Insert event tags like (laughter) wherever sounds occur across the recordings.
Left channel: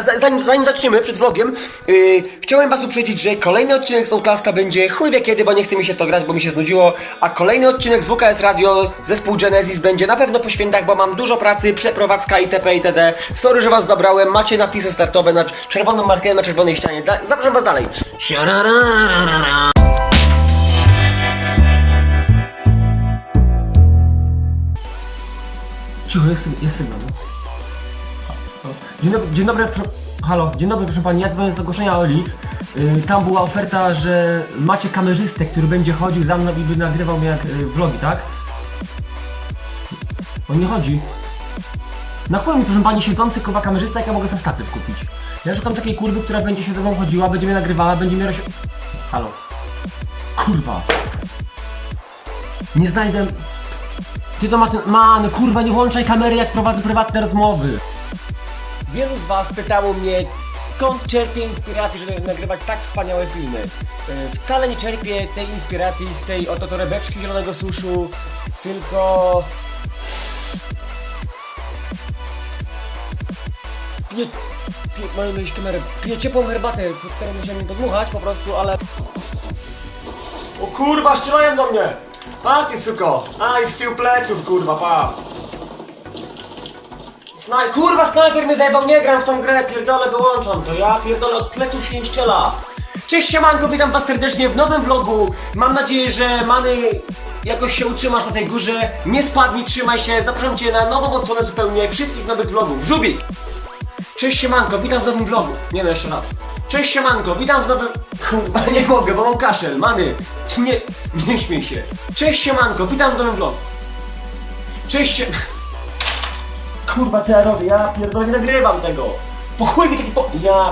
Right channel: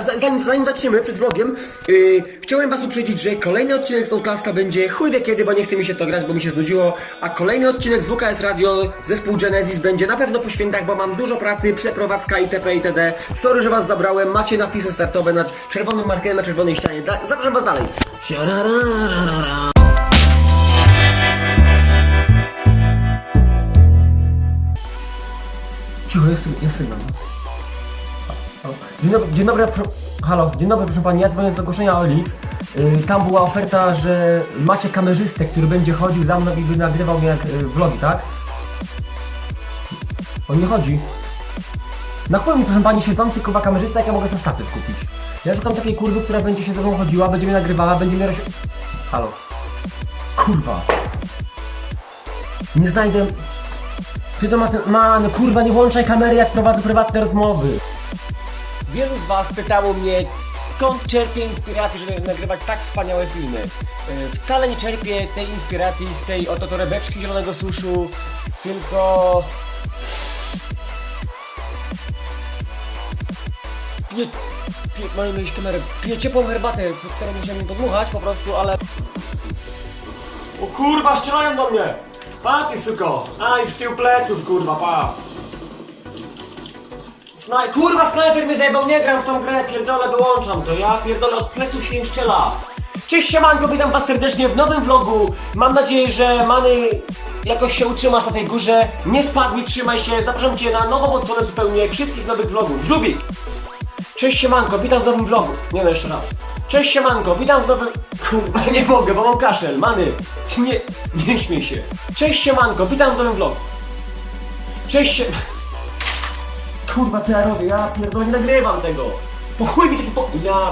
Za- Zanim, zanim zaczniemy przed vlogiem, yy, chciałem was uprzedzić, że kolejny odcinek z Outlasta będzie chuj wie kiedy, bo nie chce mi się to grać, bo mi się znudziło, a kolejny odcinek z WKS Radio, zespół Genesis będzie na pewno po świętach, bo mam dużo pracy, przeprowadzka itp. itd. Sorry, że was zabrałem, macie napisy startowe na czerwoną markę na czerwonej ścianie, zapraszam was dalej. Cicho, jest, jest sygnał. Halo. Dzień dobry, dzień dobry, pro... halo, dzień dobry proszę pani, ja dzwonię z ogłoszenia OLX. Yy, tam była oferta, że macie kamerzystę, który będzie chodził za mną i by nagrywał mnie jak yy, vlogi, tak? On nie chodzi. Na chuj mi proszę pani siedzący kurwa kamerzysta, jak ja mogę za statyw kupić? Ja szukam takiej kurwy, która będzie się ze mną chodziła, będzie mnie nagrywała, będzie mnie roś... Halo. Kurwa. Nie znajdę... Ty to ma ten... Man, kurwa, nie włączaj kamery, jak prowadzę prywatne rozmowy. Wielu z Was pytało mnie, skąd czerpię inspirację, żeby nagrywać tak wspaniałe filmy. Yy, Wcale nie czerpię tej inspiracji z tej oto torebeczki zielonego suszu, tylko... Piję... piję mam mieć kamerę. Piję ciepłą herbatę, którą musiałem podmuchać po prostu, ale... O kurwa, strzelają do mnie! Pa ty suko! A i z tyłu pleców kurwa, pa! Snaj... Kurwa, snajper mnie zajebał, nie gram w tą grę, pierdolę, wyłączam to, ja pierdolę, od pleców się nie strzela. Cześć siemanko, witam was serdecznie w nowym vlogu. Mam nadzieję, że Many jakoś się utrzymasz na tej górze. Nie spadnij, trzymaj się, zapraszam cię na nową odsłonę zupełnie wszystkich nowych vlogów. Żubik! Cześć siemanko, witam w nowym vlogu. Nie no, jeszcze raz. Cześć siemanko, witam w nowym... Kurwa, nie mogę, bo mam kaszel, Many. Nie, nie śmiej się. Cześć siemanko, witam w nowym vlogu. Cześć sie... (laughs) Kurwa, co ja robię? Ja pierdolę, nie nagrywam tego. Po chuj mi taki po... Ja...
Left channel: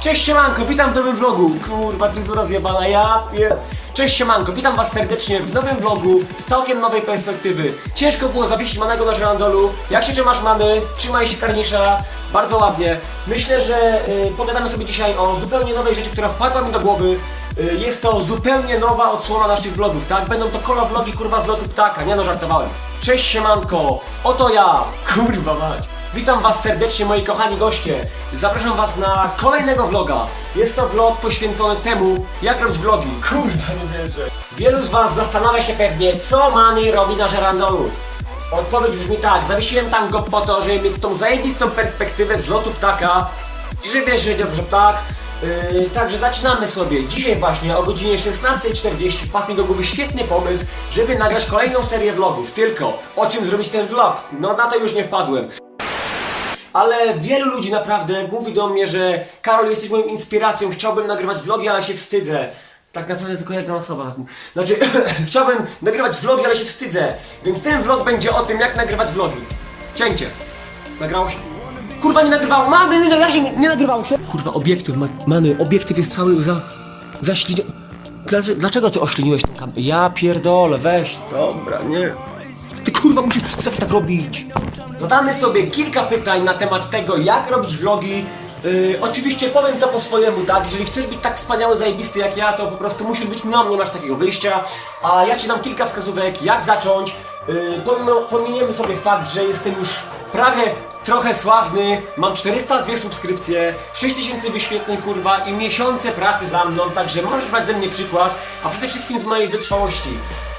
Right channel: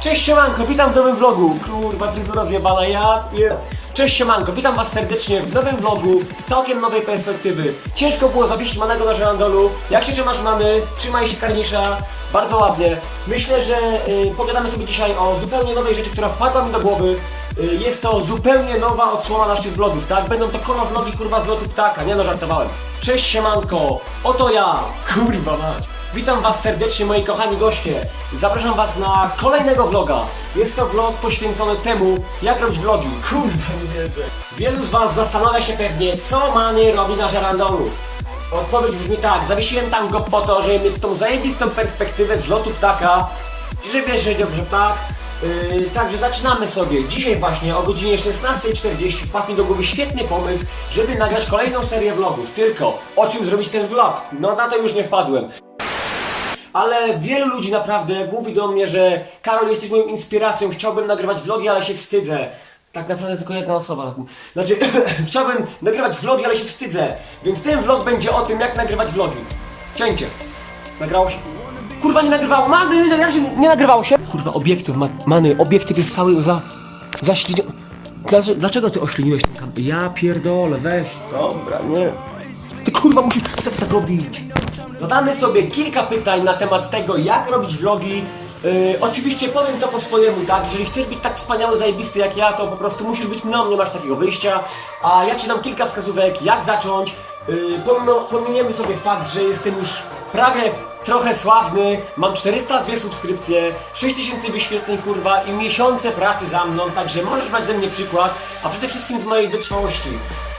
Cześć siemanko, witam w nowym vlogu. Kurwa, fryzura zjebana, ja pier... Cześć siemanko, witam was serdecznie w nowym vlogu z całkiem nowej perspektywy. Ciężko było zawiesić manego na żerandolu. Jak się trzymasz mamy? Trzymaj się karnisza. Bardzo ładnie. Myślę, że y, pogadamy sobie dzisiaj o zupełnie nowej rzeczy, która wpadła mi do głowy. Y, jest to zupełnie nowa odsłona naszych vlogów, tak? Będą to kolo vlogi kurwa z lotu ptaka, nie no żartowałem. Cześć siemanko, oto ja, (laughs) kurwa mać. Witam was serdecznie moi kochani goście. Zapraszam was na kolejnego vloga. Jest to vlog poświęcony temu, jak robić vlogi. Kurwa, nie wierzę. Wielu z was zastanawia się pewnie, co Many robi na żerandolu. Odpowiedź brzmi tak, zawiesiłem tam go po to, żeby mieć tą zajebistą perspektywę z lotu ptaka. I że wiesz, że dobrze tak. Yy, także zaczynamy sobie. Dzisiaj właśnie o godzinie 16.40 wpadł mi do głowy świetny pomysł, żeby nagrać kolejną serię vlogów. Tylko, o czym zrobić ten vlog? No na to już nie wpadłem. Ale wielu ludzi naprawdę mówi do mnie, że Karol jesteś moją inspiracją, chciałbym nagrywać vlogi, ale się wstydzę. Tak naprawdę tylko jedna osoba. tak. Znaczy, (clears throat) chciałbym nagrywać vlogi, ale się wstydzę. Więc ten vlog będzie o tym, jak nagrywać vlogi. Cięcie. Nagrało się? Kurwa, nie nagrywało. Many, no ja się nie, nie nagrywało się. Kurwa, obiektyw, ma, many, obiektyw jest cały za... zaślini... Dlaczego, dlaczego ty ośliniłeś tą kamerę? Ja pierdolę, weź. Dobra, nie. Ty kurwa musisz zawsze tak robić. Zadamy sobie kilka pytań na temat tego, jak robić vlogi. Yy, oczywiście powiem to po swojemu, tak? Jeżeli chcesz być tak wspaniały, zajebisty jak ja, to po prostu musisz być mną, nie masz takiego wyjścia. A ja ci dam kilka wskazówek, jak zacząć. Yy, pomimo, pominiemy sobie fakt, że jestem już prawie trochę sławny, mam 402 subskrypcje, 6000 wyświetleń kurwa i miesiące pracy za mną, także możesz brać ze mnie przykład, a przede wszystkim z mojej wytrwałości.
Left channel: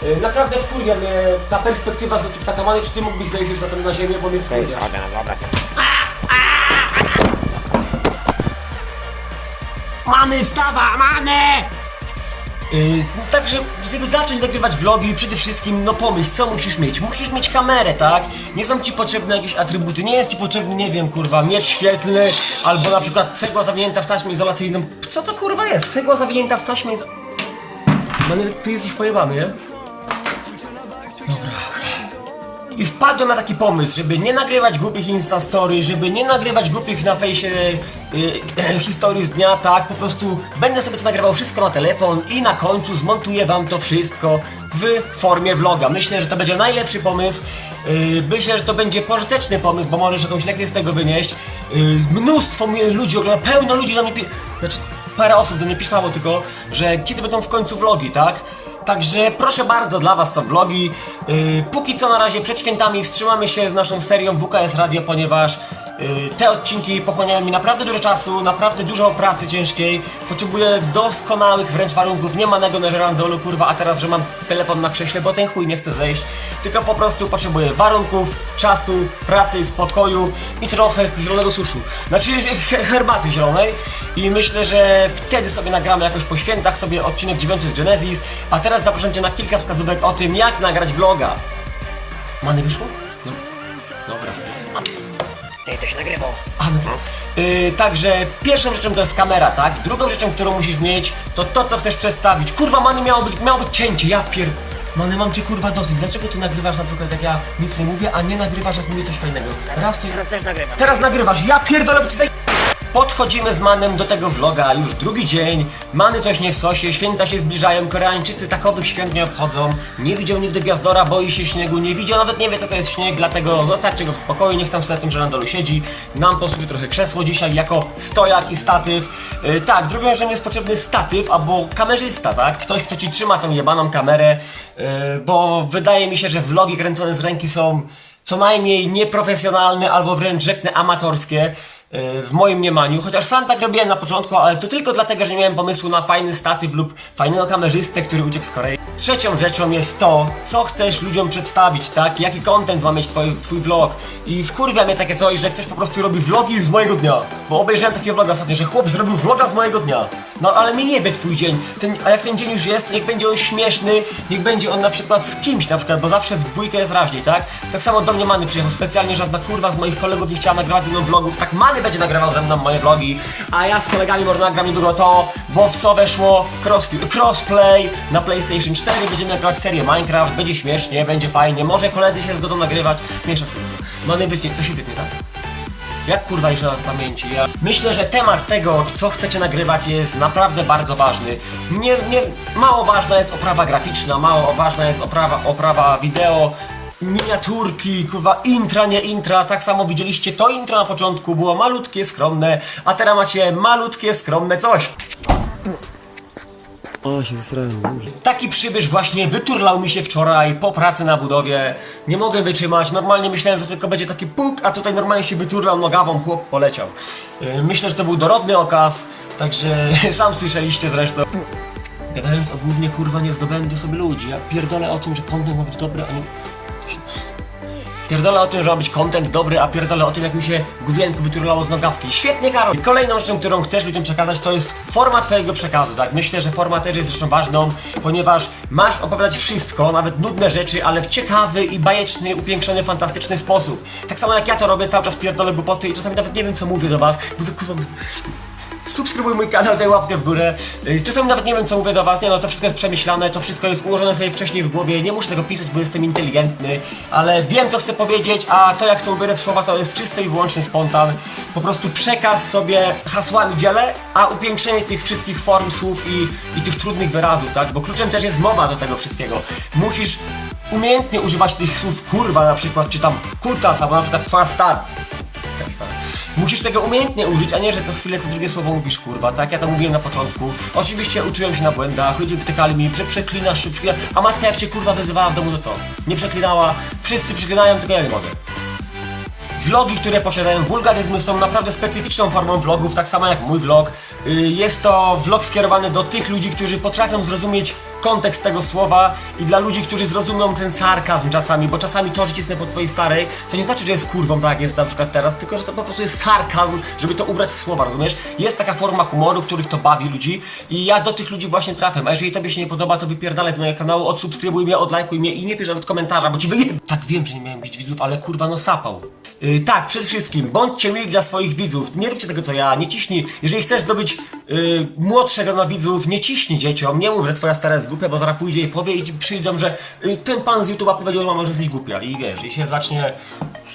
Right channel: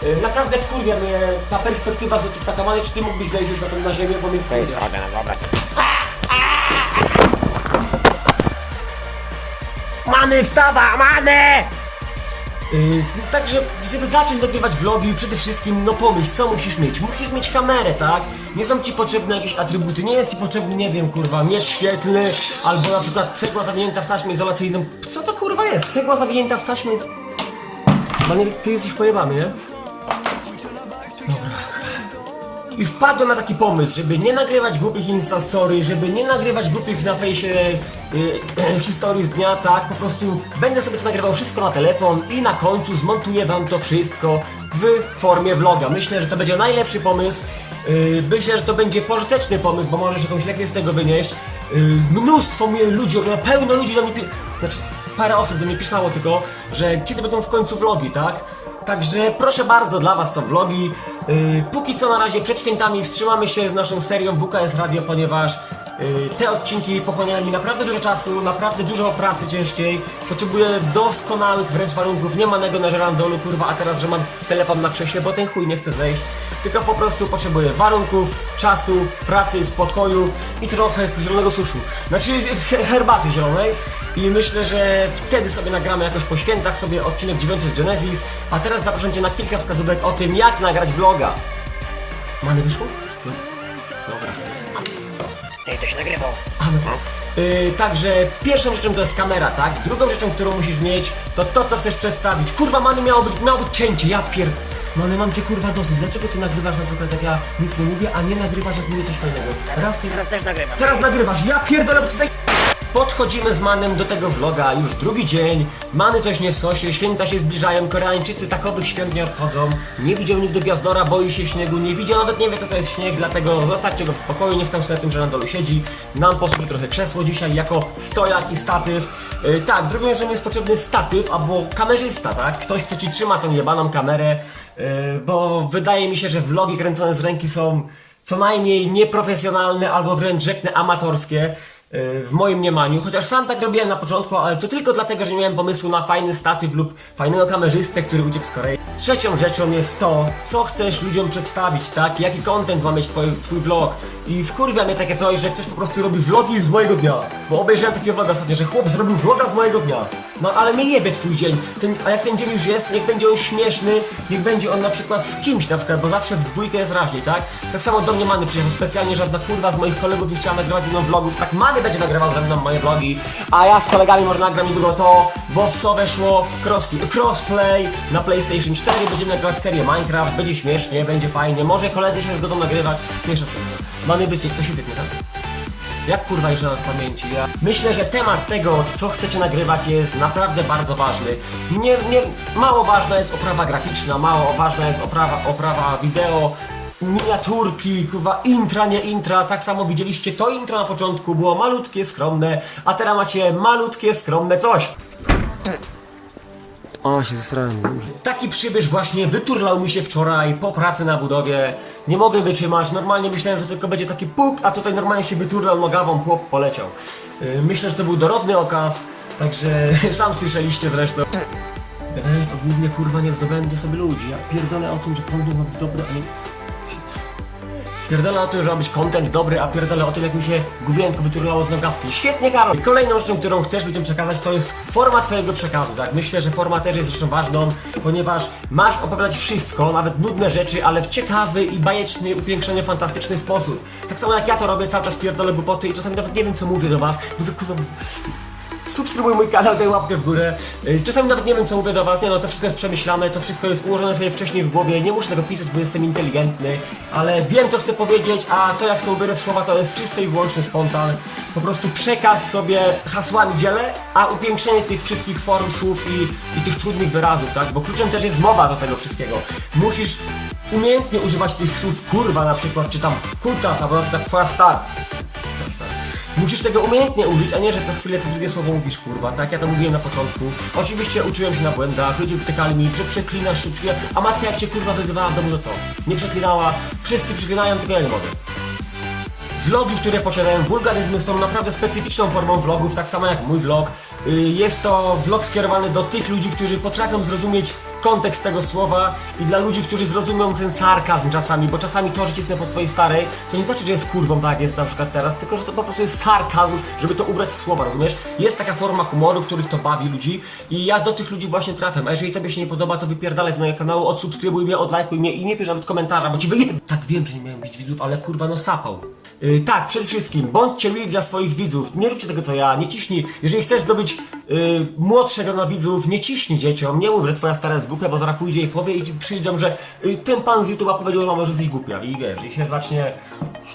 Yy, naprawdę wkurwia mnie ta perspektywa z lotu ptakamany, czy ty mógłbyś zejść już na na ziemię, bo mnie wkurwia. Na obraz. Many, wstawa, many! Yy, także, żeby zacząć nagrywać vlogi, przede wszystkim, no pomyśl, co musisz mieć? Musisz mieć kamerę, tak? Nie są ci potrzebne jakieś atrybuty, nie jest ci potrzebny, nie wiem, kurwa, miecz świetlny, albo na przykład cegła zawinięta w taśmę izolacyjną. Co to kurwa jest? Cegła zawinięta w taśmę izo... Many, ty jesteś pojebany, nie? I wpadłem na taki pomysł, żeby nie nagrywać głupich instastory, żeby nie nagrywać głupich na fejsie y, y, (clears throat) historii z dnia, tak, po prostu będę sobie to nagrywał wszystko na telefon i na końcu zmontuję wam to wszystko w formie vloga. Myślę, że to będzie najlepszy pomysł. Y, myślę, że to będzie pożyteczny pomysł, bo możesz jakąś lekcję z tego wynieść. Y, mnóstwo ludzi ogląda, pełno ludzi na mnie Znaczy, parę osób do mnie pisało tylko, że kiedy będą w końcu vlogi, tak? Także proszę bardzo, dla was są vlogi. Yy, póki co na razie przed świętami wstrzymamy się z naszą serią WKS Radio, ponieważ yy, te odcinki pochłaniają mi naprawdę dużo czasu, naprawdę dużo pracy ciężkiej. Potrzebuję doskonałych wręcz warunków, nie manego na żerandolu, kurwa, a teraz, że mam telefon na krześle, bo ten chuj nie chce zejść. Tylko po prostu potrzebuję warunków, czasu, pracy, spokoju i trochę zielonego suszu. Znaczy he- herbaty zielonej. I myślę, że wtedy sobie nagramy jakoś po świętach sobie odcinek 9 z Genesis. A teraz zapraszam Cię na kilka wskazówek o tym, jak nagrać vloga. Many wyszło? No. Dobra. Ty, to się nagrywał. A, no. Yy, także pierwszą rzeczą to jest kamera, tak? Drugą rzeczą, którą musisz mieć, to to, co chcesz przedstawić. Kurwa, Many, miało być, miało być cięcie, ja pier... Many, mam cię kurwa dosyć. Dlaczego ty nagrywasz na przykład jak ja nic nie mówię, a nie nagrywasz jak mówię coś fajnego? Raz cię... Teraz też nagrywam. Teraz nagrywasz, ja pierdolę, bo ci zaj... Podchodzimy z Manem do tego vloga, już drugi dzień, Many coś nie w sosie, święta się zbliżają, Koreańczycy takowych świąt nie obchodzą, nie widział nigdy Gwiazdora, boi się śniegu, nie widział, nawet nie wie co to jest śnieg, dlatego zostawcie go w spokoju, niech tam sobie na tym żerandolu siedzi, nam posłuży trochę krzesło dzisiaj jako stojak i statyw. Yy, tak, drugą rzeczą jest potrzebny statyw albo kamerzysta, tak? Ktoś, kto ci trzyma tą jebaną kamerę, yy, bo wydaje mi się, że vlogi kręcone z ręki są co najmniej nieprofesjonalne albo wręcz rzeknę amatorskie w moim mniemaniu, chociaż sam tak robiłem na początku, ale to tylko dlatego, że nie miałem pomysłu na fajny statyw lub fajnego kamerzystę, który uciekł z Korei. Trzecią rzeczą jest to, co chcesz ludziom przedstawić, tak? Jaki content ma mieć twój, twój vlog. I wkurwia mnie takie coś, że ktoś po prostu robi vlogi z mojego dnia. Bo obejrzałem takiego vloga ostatnio, że chłop zrobił vloga z mojego dnia. No ale mnie jebie twój dzień. Ten, a jak ten dzień już jest, niech będzie on śmieszny, niech będzie on na przykład z kimś na przykład, bo zawsze w dwójkę jest raźniej, tak? Tak samo do mnie Many przyjechał specjalnie, żadna kurwa z moich kolegów nie chciała nagrywać ze mną vlogów, tak Many będzie nagrywał ze mną moje vlogi, a ja z kolegami może nagram niedługo to, bo w co weszło cross, crossplay na PlayStation 4, będziemy nagrywać serię Minecraft, będzie śmiesznie, będzie fajnie, może koledzy się zgodzą nagrywać, mniejsza z tym. Many wytnie, to się wytnie, tak? Jak kurwa jeszcze w pamięci? Ja myślę, że temat tego, co chcecie nagrywać jest naprawdę bardzo ważny. Nie, nie, mało ważna jest oprawa graficzna, mało ważna jest oprawa, oprawa wideo, miniaturki, kurwa, intra, nie intra. Tak samo widzieliście to intro na początku, było malutkie, skromne, a teraz macie malutkie, skromne coś. O, się zesrałem. Taki przybysz właśnie wyturlał mi się wczoraj po pracy na budowie. Nie mogę wytrzymać. Normalnie myślałem, że tylko będzie taki puk, a tutaj normalnie się wyturlał nogawą, chłop poleciał. Yy, Myślę, że to był dorodny okaz, także (laughs) sam słyszeliście zresztą. Gadając o głównie kurwa nie zdobędę sobie ludzi. Ja pierdolę o tym, że content ma być dobry, a nie... Pierdolę o tym, że ma być content dobry, a pierdolę o tym, jak mi się główienko wyturlało z nogawki. Świetnie, Karol! I kolejną rzeczą, którą chcesz ludziom przekazać, to jest forma twojego przekazu, tak? Myślę, że forma też jest rzeczą ważną, ponieważ masz opowiadać wszystko, nawet nudne rzeczy, ale w ciekawy i bajeczny, upiększony, fantastyczny sposób. Tak samo jak ja to robię, cały czas pierdolę głupoty i czasami nawet nie wiem, co mówię do was, bo wy kurwa... Subskrybuj mój kanał, daj łapkę w górę. Yy, Czasami nawet nie wiem, co mówię do was. Nie no, to wszystko jest przemyślane, to wszystko jest ułożone sobie wcześniej w głowie. Nie muszę tego pisać, bo jestem inteligentny, ale wiem, co chcę powiedzieć, a to, jak to ubierę w słowa, to jest czysty i wyłączny spontan. Po prostu przekaz sobie hasłami dzielę, a upiększenie tych wszystkich form słów i, i tych trudnych wyrazów, tak? Bo kluczem też jest mowa do tego wszystkiego. Musisz umiejętnie używać tych słów kurwa na przykład, czy tam kutas, albo na przykład twoja star. Musisz tego umiejętnie użyć, a nie, że co chwilę co drugie słowo mówisz kurwa, tak? Ja to mówiłem na początku. Oczywiście uczyłem się na błędach, ludzie wytykali mi, że przeklinasz, przeklinasz. A matka jak cię kurwa wyzywała w domu, to co? Nie przeklinała, wszyscy przeklinają, tylko ja nie mogę. Vlogi, które posiadają wulgaryzmy są naprawdę specyficzną formą vlogów, tak samo jak mój vlog. Y, Jest to vlog skierowany do tych ludzi, którzy potrafią zrozumieć kontekst tego słowa i dla ludzi, którzy zrozumią ten sarkazm czasami, bo czasami to, że cisnę po twojej starej, to nie znaczy, że jest kurwą, tak jak jest na przykład teraz, tylko że to po prostu jest sarkazm, żeby to ubrać w słowa, rozumiesz? Jest taka forma humoru, których to bawi ludzi i ja do tych ludzi właśnie trafiam, a jeżeli tobie się nie podoba, to wypierdalaj z mojego kanału, odsubskrybuj mnie, odlajkuj mnie i nie pisz nawet komentarza, bo ci wyjem... Tak, wiem, że nie miałem bić widzów, ale kurwa no sapał. Yy, tak, przede wszystkim, bądźcie mili dla swoich widzów. Nie róbcie tego co ja, nie ciśnij. Jeżeli chcesz zdobyć yy, młodsze grono widzów, nie ciśnij dzieciom. Nie mów, że twoja stara jest głupia, bo zaraz pójdzie i powie i przyjdą, że yy, ten pan z YouTube'a powiedział mama, że jesteś głupia. I wiesz, i się zacznie.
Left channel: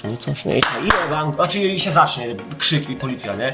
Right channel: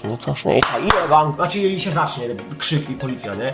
Nie coś, nie, bank, znaczy i się zacznie krzyk i policja, nie?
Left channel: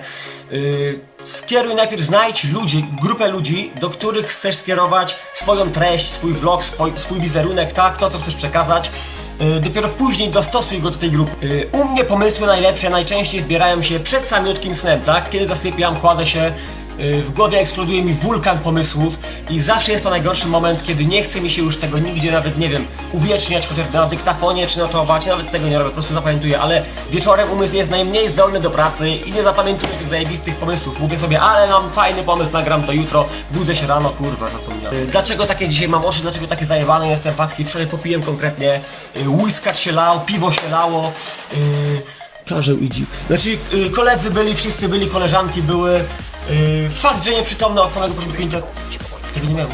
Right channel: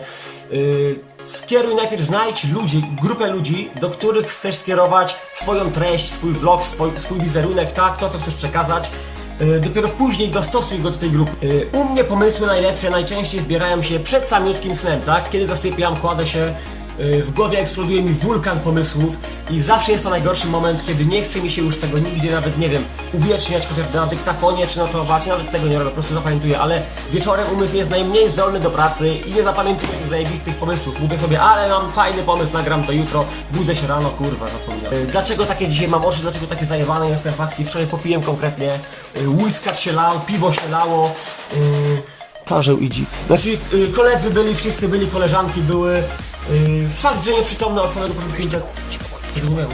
Yy, skieruj najpierw, znajdź ludzi, grupę ludzi, do których chcesz skierować swoją treść, swój vlog, swój, swój wizerunek, tak, to co chcesz przekazać. Yy, dopiero później dostosuj go do tej grupy. U mnie pomysły najlepsze najczęściej zbierają się przed samiutkim snem, tak? Kiedy zasypiam, kładę się y, w głowie eksploduje mi wulkan pomysłów i zawsze jest to najgorszy moment, kiedy nie chce mi się już tego nigdzie nawet, nie wiem, uwieczniać, chociaż na dyktafonie czy notować, nawet tego nie robię, po prostu zapamiętuję, ale wieczorem umysł jest najmniej zdolny do pracy i nie zapamiętuję tych zajebistych pomysłów. Mówię sobie, ale mam fajny pomysł, nagram to jutro, budzę się rano, kurwa, zapomniałem. Y, Dlaczego takie dzisiaj mam oczy, dlaczego takie zajebane jestem w akcji? Wczoraj popiłem konkretnie, y, whiskacz się lał, piwo się lało, y, Karzeł idzi. Znaczy, y, koledzy byli, wszyscy byli, koleżanki były. Y, fakt, że nieprzytomny od samego początku. Tego nie miałem.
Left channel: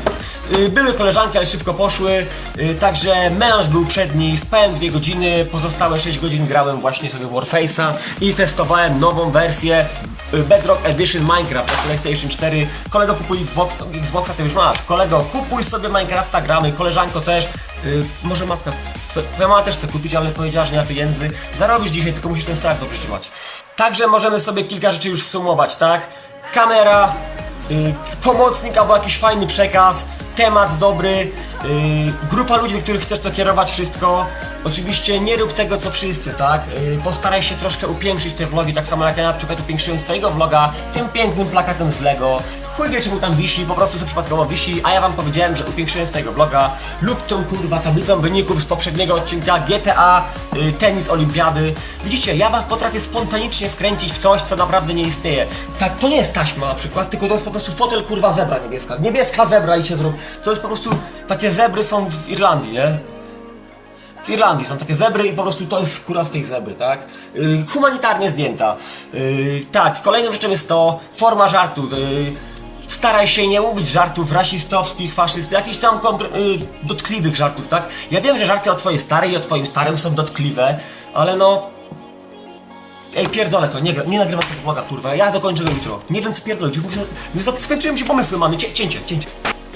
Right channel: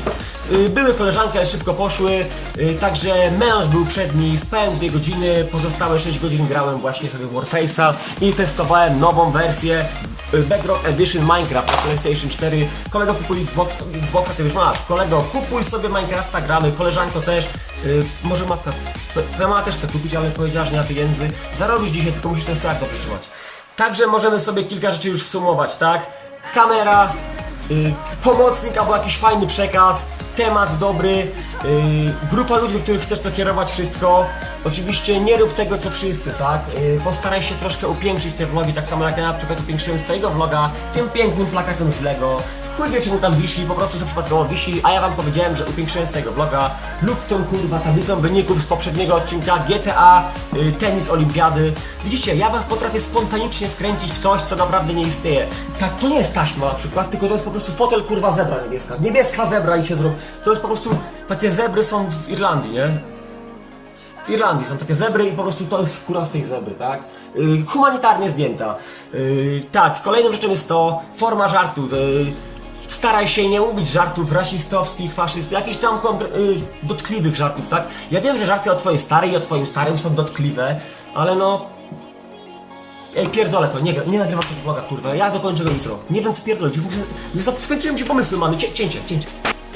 Y, były koleżanki, ale szybko poszły. Y, także melanż był przedni, spałem dwie godziny, pozostałe 6 godzin grałem właśnie sobie w Warface'a i testowałem nową wersję y, Bedrock Edition Minecraft na PlayStation 4. Kolego kupuj Xbox, Xboxa, ty już masz. Kolego, kupuj sobie Minecrafta, gramy. Koleżanko też. Y, może matka, twoja- mama też chce kupić, ale powiedziała, że nie ma pieniędzy. Zarobisz dzisiaj, tylko musisz ten strach dobrze trzymać. Także możemy sobie kilka rzeczy już sumować, tak? Kamera, y, pomocnik albo jakiś fajny przekaz, temat dobry, y, grupa ludzi, do których chcesz to kierować wszystko. Oczywiście nie rób tego co wszyscy, tak? Y, postaraj się troszkę upiększyć te vlogi, tak samo jak ja na przykład upiększyłem swojego vloga tym pięknym plakatem z Lego. Chuj wie czemu tam wisi, po prostu sobie przypadkowo wisi, a ja wam powiedziałem, że upiększyłem swojego vloga lub tą kurwa tablicą wyników z poprzedniego odcinka GTA, y, tenis, olimpiady. Widzicie, ja was potrafię spontanicznie wkręcić w coś, co naprawdę nie istnieje. Tak, to nie jest taśma na przykład, tylko to jest po prostu fotel kurwa zebra niebieska. Niebieska zebra i się zrób. To jest po prostu, takie zebry są w Irlandii, nie? W Irlandii są takie zebry i po prostu to jest skóra z tej zebry, tak? Yy, humanitarnie zdjęta. Yy, tak, kolejną rzeczą jest to forma żartu. Yy, staraj się nie mówić żartów rasistowskich, faszystów, jakichś tam yy, dotkliwych żartów, tak? Ja wiem, że żarty o twojej starej i o twoim starym są dotkliwe, ale no... Ej, pierdolę to, nie, nie nagrywam tego vloga, kurwa, ja dokończę go jutro. Nie wiem co pierdolić, już muszę... Skończyłem się pomysły, mamy, Cię, cięcie, cięcie.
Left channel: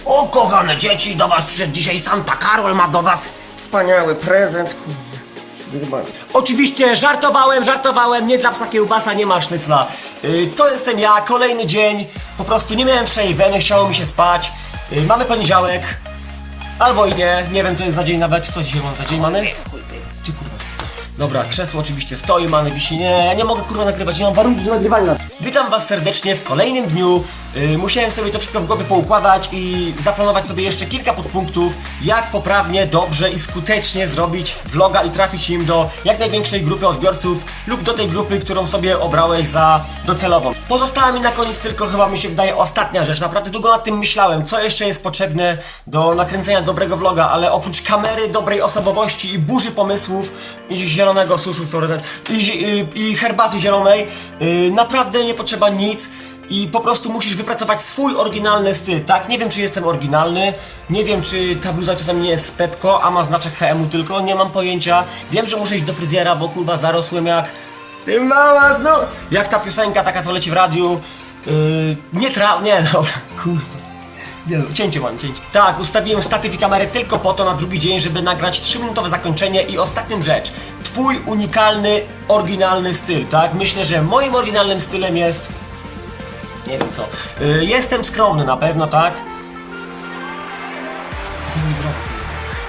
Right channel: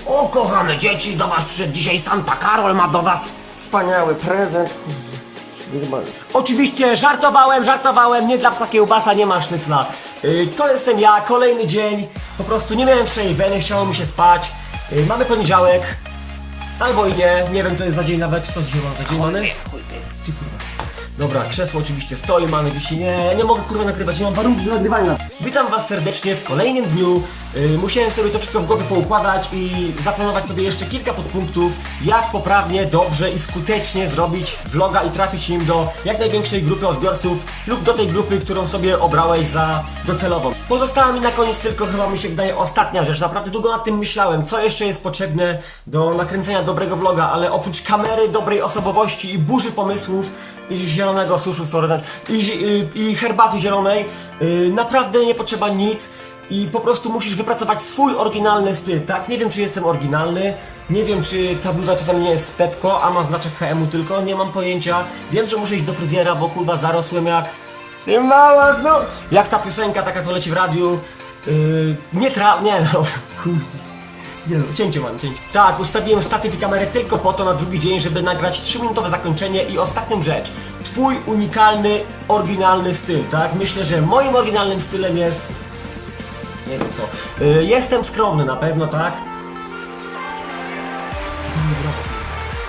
O, kochane dzieci, do was przyszedł dzisiaj Santa Karol, ma do was wspaniały prezent, Oczywiście żartowałem, żartowałem, nie dla psa kiełbasa, nie ma sznycla. Yy, to jestem ja, kolejny dzień, po prostu nie miałem wczoraj weny, chciało mi się spać. Yy, mamy poniedziałek, albo i nie, nie wiem co jest za dzień nawet, co dzisiaj mam za dzień, mamy? Ty kurwa. Dobra, krzesło oczywiście stoi, mamy wisi. Nie, ja nie mogę kurwa nagrywać, nie mam warunków do nagrywania. Witam was serdecznie w kolejnym dniu. Yy, musiałem sobie to wszystko w głowie poukładać i zaplanować sobie jeszcze kilka podpunktów, jak poprawnie, dobrze i skutecznie zrobić vloga i trafić nim do jak największej grupy odbiorców lub do tej grupy, którą sobie obrałeś za docelową. Pozostała mi na koniec tylko chyba mi się wydaje ostatnia rzecz. Naprawdę długo nad tym myślałem, co jeszcze jest potrzebne do nakręcenia dobrego vloga, ale oprócz kamery, dobrej osobowości i burzy pomysłów i zielonego suszu i, i, i herbaty zielonej, yy, naprawdę nie potrzeba nic. I po prostu musisz wypracować swój oryginalny styl, tak? Nie wiem, czy jestem oryginalny, nie wiem, czy ta bluza czasami nie jest z a ma znaczek HM-u tylko, nie mam pojęcia. Wiem, że muszę iść do fryzjera, bo kurwa zarosłem jak... Ty mała no Jak ta piosenka taka, co leci w radiu. Yy, nie tra... nie (laughs) no, kurwa. Nie no, cięcie mam, cięcie. Tak, ustawiłem statyw i kamerę tylko po to na drugi dzień, żeby nagrać 3-minutowe zakończenie i ostatnią rzecz. Twój unikalny, oryginalny styl, tak? Myślę, że moim oryginalnym stylem jest... Nie wiem co. Y, jestem skromny na pewno, tak?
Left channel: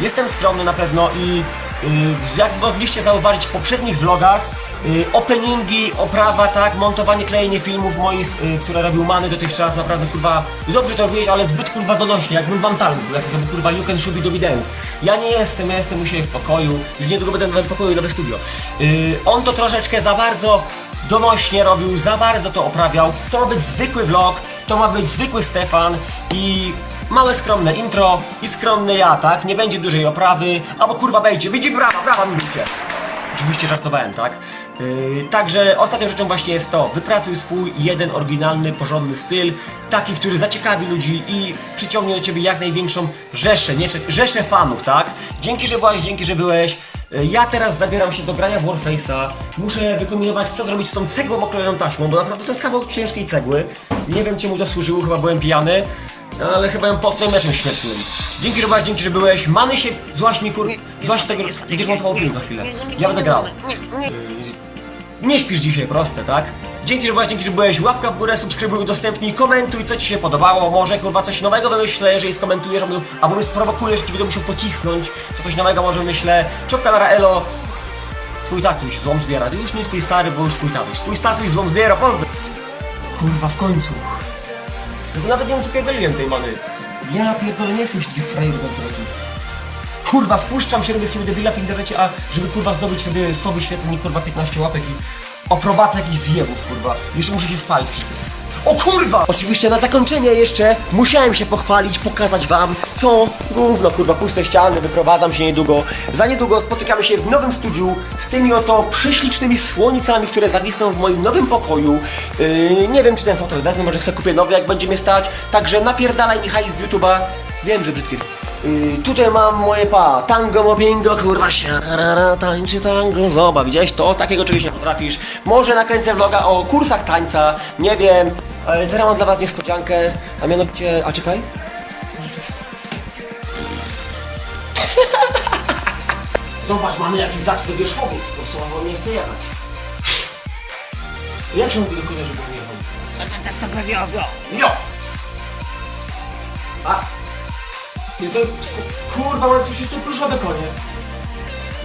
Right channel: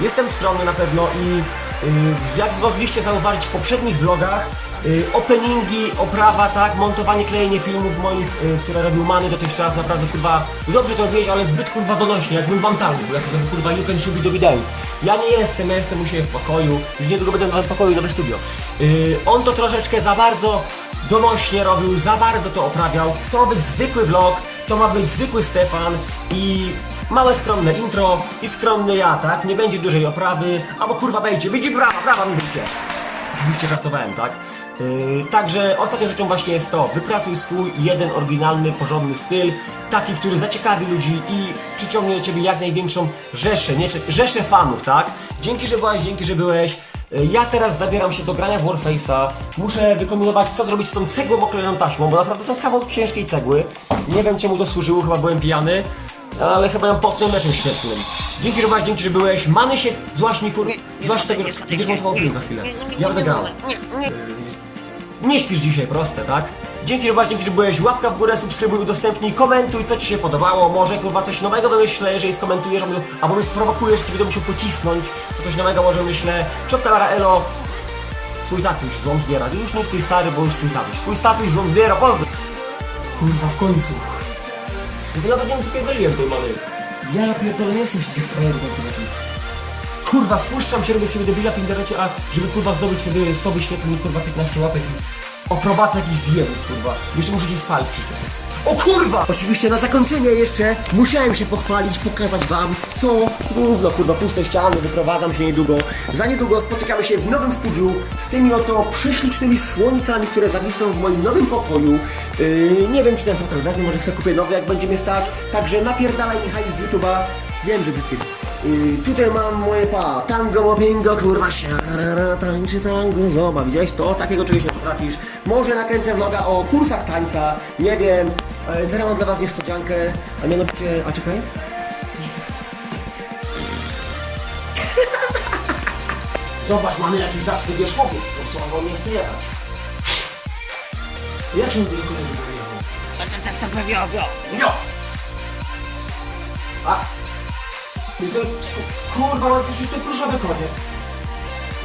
Jestem skromny na pewno i y, jak mogliście zauważyć w poprzednich vlogach, y, openingi, oprawa, tak, montowanie, klejenie filmów moich, które robił Many dotychczas, naprawdę kurwa, dobrze to robiłeś, ale zbyt kurwa donośnie, jakbym wam tam był, jak to kurwa you can shoot do dance. Ja nie jestem, ja jestem u siebie w pokoju, już niedługo będę w pokoju, nowe studio. On to troszeczkę za bardzo donośnie robił, za bardzo to oprawiał, to ma być zwykły vlog, to ma być zwykły Stefan i Małe skromne intro i skromny ja, tak? Nie będzie dużej oprawy, albo kurwa bejcie, widzi brawa, brawa mi bijcie. Oczywiście żartowałem, tak? Yy, także ostatnią rzeczą właśnie jest to, wypracuj swój jeden oryginalny, porządny styl, taki, który zaciekawi ludzi i przyciągnie do ciebie jak największą rzeszę, nie, rzeszę fanów, tak? Dzięki, że byłaś, dzięki, że byłeś. Yy, Ja teraz zabieram się do grania w Warface'a. Muszę wykombinować, co zrobić z tą cegłą oklejoną taśmą, bo naprawdę to jest kawał ciężkiej cegły. Nie wiem, czemu to służyło, chyba byłem pijany. Ale chyba ją potnę meczem świetnym. Dzięki, że byłaś, dzięki, że byłeś. Many się, złaś mi kur... Złaś tego, będziesz montował film za chwilę. Ja będę grał. Nie śpisz dzisiaj, proste, tak? Dzięki, że byłaś, dzięki, że byłeś. Łapka w górę, subskrybuj, udostępnij, komentuj, co ci się podobało. Może kurwa coś nowego wymyślę, jeżeli skomentujesz, albo, albo mnie sprowokujesz, ci będę musiał pocisnąć. Co coś nowego może wymyślę. Czopka na Raelo. Twój tatuś złom zbiera. Już nie twój stary, bo już twój tatuś. Twój tatuś złom zbiera, pozdro. Kurwa, w końcu. To nawet nie wiem co pierdoliłem tej many. Ja pierdolę, nie chcę się tych frajerów prowadzić. Kurwa, spuszczam się, robię sobie debila w internecie, a żeby kurwa zdobyć sobie 100 wyświetleń kurwa 15 łapek i oprobatę jakichś zjebów, kurwa. Jeszcze muszę się spalić przy tym. O kurwa! Oczywiście na zakończenie jeszcze musiałem się pochwalić, pokazać wam, co gówno, kurwa, puste ściany, wyprowadzam się niedługo. Za niedługo spotykamy się w nowym studiu z tymi oto prześlicznymi słońcami, które zawisną w moim nowym pokoju. Yy, nie wiem, czy ten fotel wezmę, może chcę kupię nowy, jak będzie mnie stać. Także napierdalaj mi hajs z YouTube'a. Wiem, że brzydkie. Yy, tutaj mam moje pa, tango mobbingo, kurwa siarara, tańczy tango, zoba, widziałeś to? Takiego czegoś nie potrafisz. Może nakręcę vloga o kursach tańca, nie wiem. Ale teraz mam dla was niespodziankę, a mianowicie, a czekaj. Zobacz, mamy jakiś zacny wierzchowiec, to co on nie chce jechać. Jak się mówi do konia, żeby on jechał? Tak, tak, tak, tak, wio, wio. Jo! A! Ty to... ku- Kurwa, mam przecież to pluszowy koniec.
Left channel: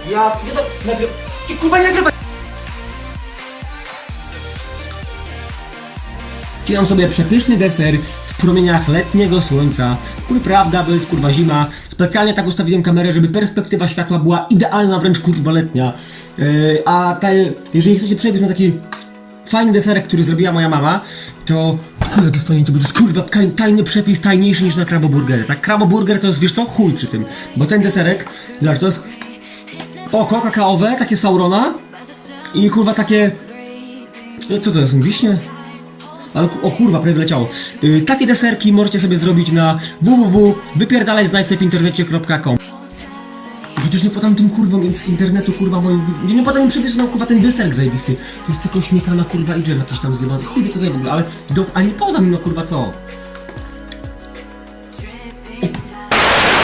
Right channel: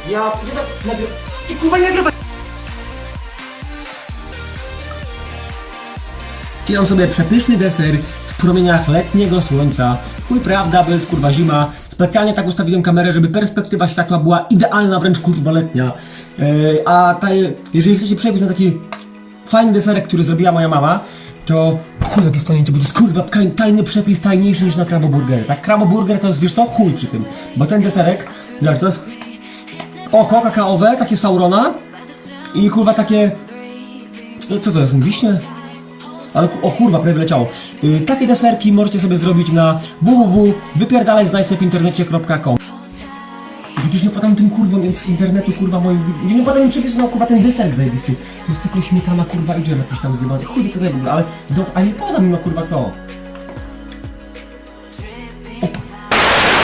Ja... Ja to... Nagry... Ty kurwa nie nagrywaj! Wcinam sobie przepyszny deser w promieniach letniego słońca. Chuj prawda, bo jest kurwa zima. Specjalnie tak ustawiłem kamerę, żeby perspektywa światła była idealna, wręcz kurwa letnia. Yy, a ta, jeżeli chcecie przebiec na taki fajny deserek, który zrobiła moja mama, to chuj dostaniecie, bo to jest kurwa taj- tajny przepis, tajniejszy niż na kraboburgery. Tak, kraboburger to jest, wiesz co, chuj przy tym. Bo ten deserek, zobacz, to jest oko kakaowe, takie saurona i kurwa takie... No co to jest, wiśnie? Ale o kurwa, prawie wleciało. Yy, takie deserki możecie sobie zrobić na nie podam tym kurwom z internetu, kurwa moim... Nie, nie podam im przepisu na kurwa ten deserek zajebisty. To jest tylko śmietana, kurwa i dżem jakiś tam zjebany. Chuj co to w ogóle, ale... Do, ale nie podam im no kurwa co.